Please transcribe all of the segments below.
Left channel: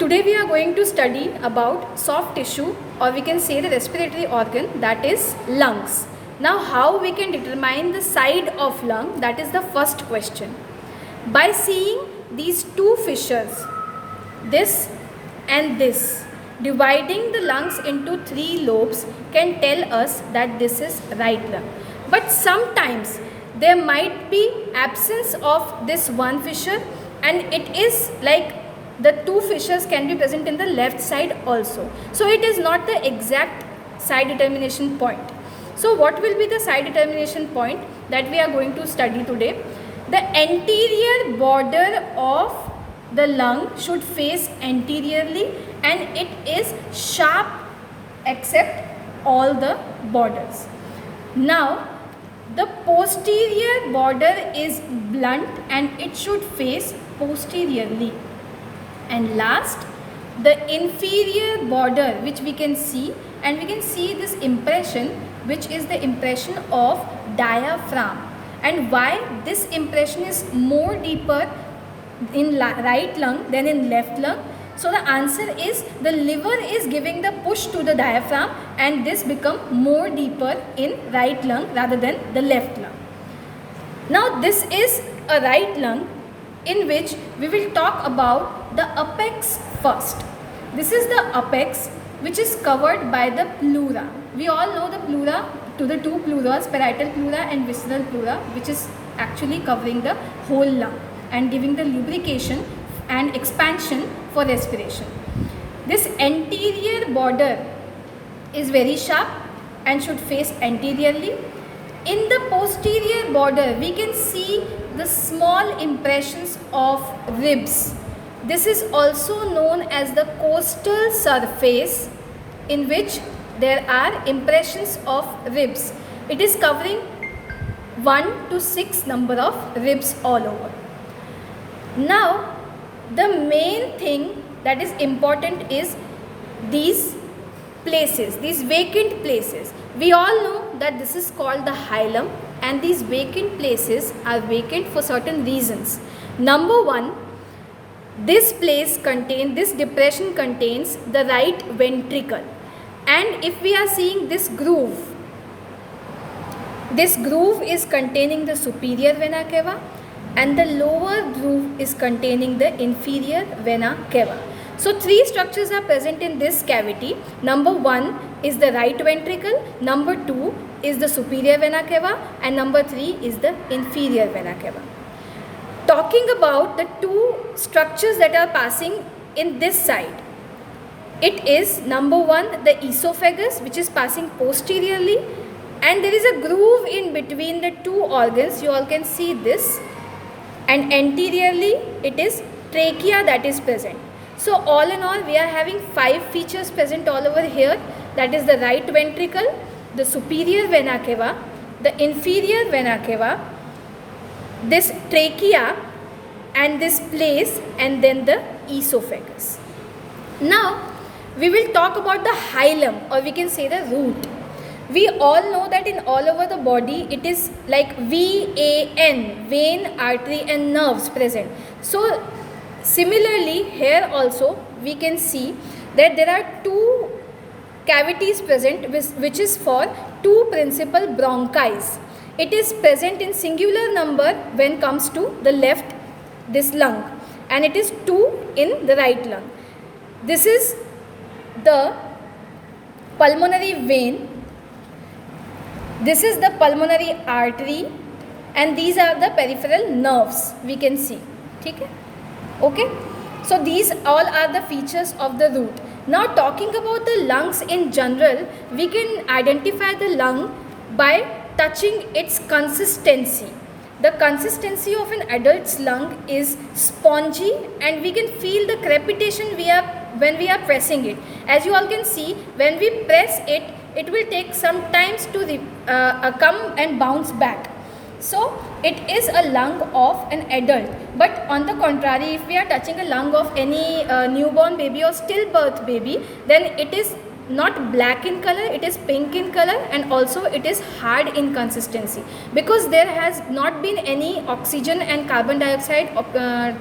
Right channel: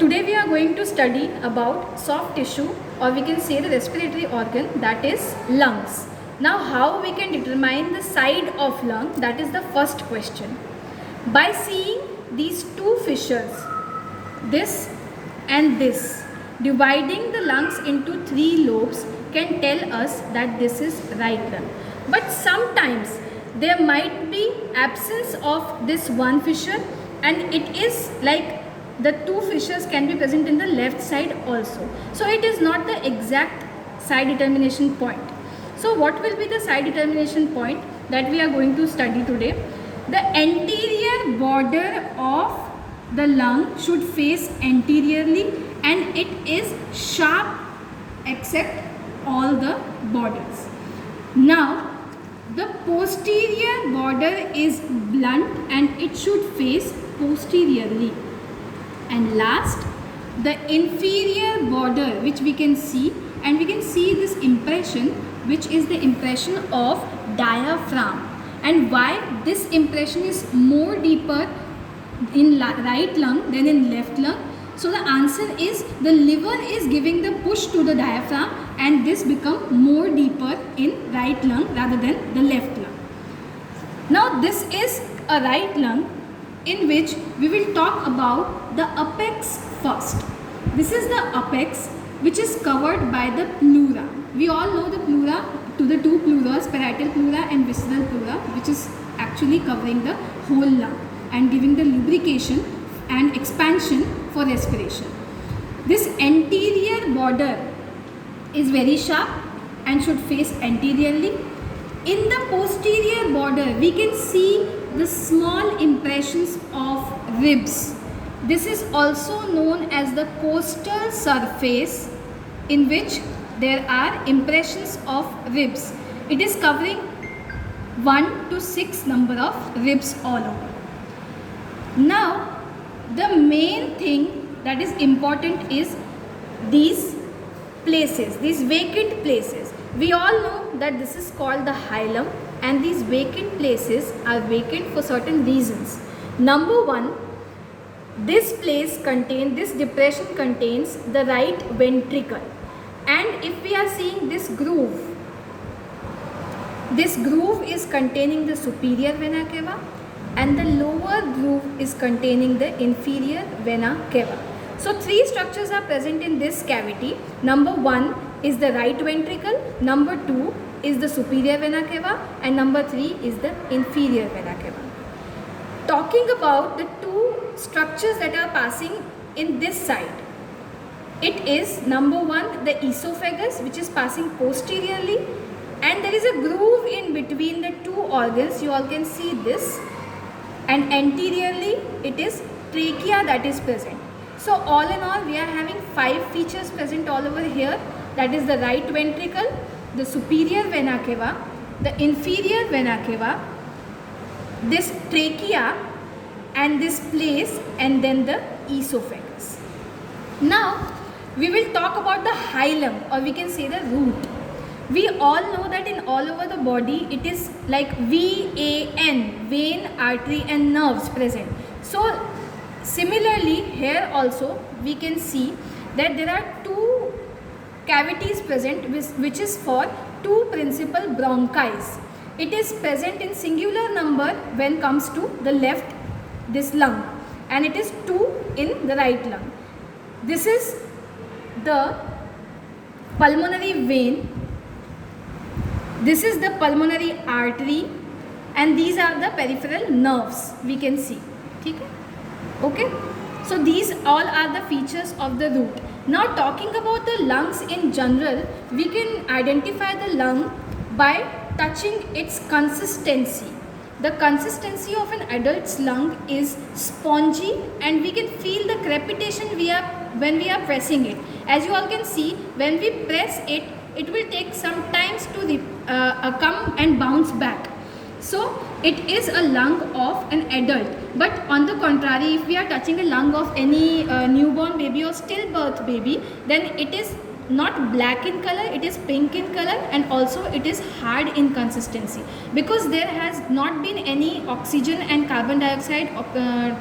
Today we are going to study about soft tissue, or we can say the respiratory organ, that is lungs. Now how we can determine the side of lung, that is the first question. By seeing these two fissures, this and this, dividing the lungs into three lobes can tell us that this is right lung. But sometimes there might be absence of this one fissure, and it is like the two fissures can be present in the left side also. So it is not the exact side determination point. So what will be the side determination point that we are going to study today? The anterior border of the lung should face anteriorly, and it is sharp except all the borders. Now the posterior border is blunt and it should face posteriorly. And last, the inferior border, which we can see, and we can see this impression, which is the impression of diaphragm. And why this impression is more deeper in right lung than in left lung? So the answer is the liver is giving the push to the diaphragm, and this become more deeper in right lung rather than the left lung. Now this is a right lung, in which we will talk about the apex first. This is the apex, which is covered by the pleura. We all know the pleura, to the two pleuras, parietal pleura and visceral pleura, which is actually covering the whole lung and giving the lubrication and expansion for respiration. This anterior border is very sharp and should face anteriorly. In the posterior border, we can see the small impressions of ribs. This is also known as the costal surface, in which there are impressions of ribs. It is covering 1 to 6 number of ribs all over. Now, the main thing that is important is these places, these vacant places. We all know that this is called the hilum, and these vacant places are vacant for certain reasons. Number one, this depression contains the right ventricle, and if we are seeing this groove is containing the superior vena cava, and the lower groove is containing the inferior vena cava. So three structures are present in this cavity. Number one is the right ventricle, number two is the superior vena cava, and number three is the inferior vena cava. Talking about the two structures that are passing in this side, it is number one, the esophagus, which is passing posteriorly, and there is a groove in between the two organs. You all can see this, and anteriorly it is trachea that is present. So all in all, we are having 5 features present all over here. That is the right ventricle, the superior vena cava, the inferior vena cava, this trachea, and this place, and then the esophagus. Now we will talk about the hilum, or we can say the root. We all know that in all over the body it is like VAN, vein, artery and nerves present. So similarly here also we can see that there are two cavities present, which is for two principal bronchi. It is present in singular number when comes to the left this lung, and it is 2 in the right lung. This is the pulmonary vein, this is the pulmonary artery, and these are the peripheral nerves we can see. Okay, so these all are the features of the root. Now talking about the lungs in general, we can identify the lung by touching its consistency. The consistency of an adult's lung is spongy, and we can feel the crepitation when we are pressing it. As you all can see, when we press it, it will take some times to come and bounce back. So it is a lung of an adult. But on the contrary, if we are touching a lung of any newborn baby or stillbirth baby, then it is not black in color, it is pink in color, and also it is hard in consistency, because there has not been any oxygen and carbon dioxide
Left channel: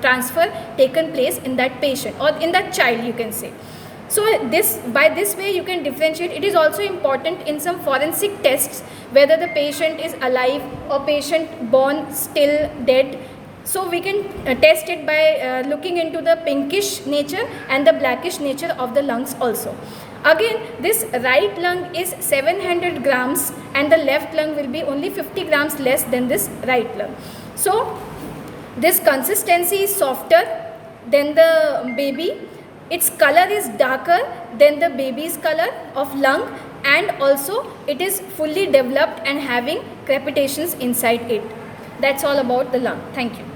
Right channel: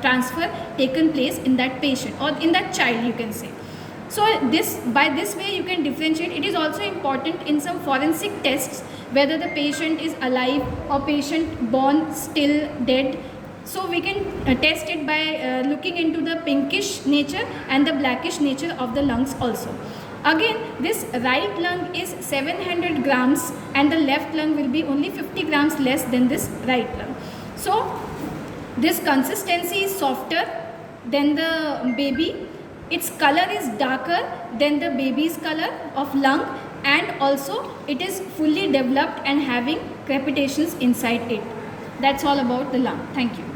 transfer taken place in that patient or in that child, you can say. So by this way you can differentiate. It is also important in some forensic tests whether the patient is alive or patient born still dead. So we can test it by looking into the pinkish nature and the blackish nature of the lungs also. Again, this right lung is 700 grams and the left lung will be only 50 grams less than this right lung. So this consistency is softer than the baby. Its color is darker than the baby's color of lung, and also it is fully developed and having crepitations inside it. That's all about the lung. Thank you.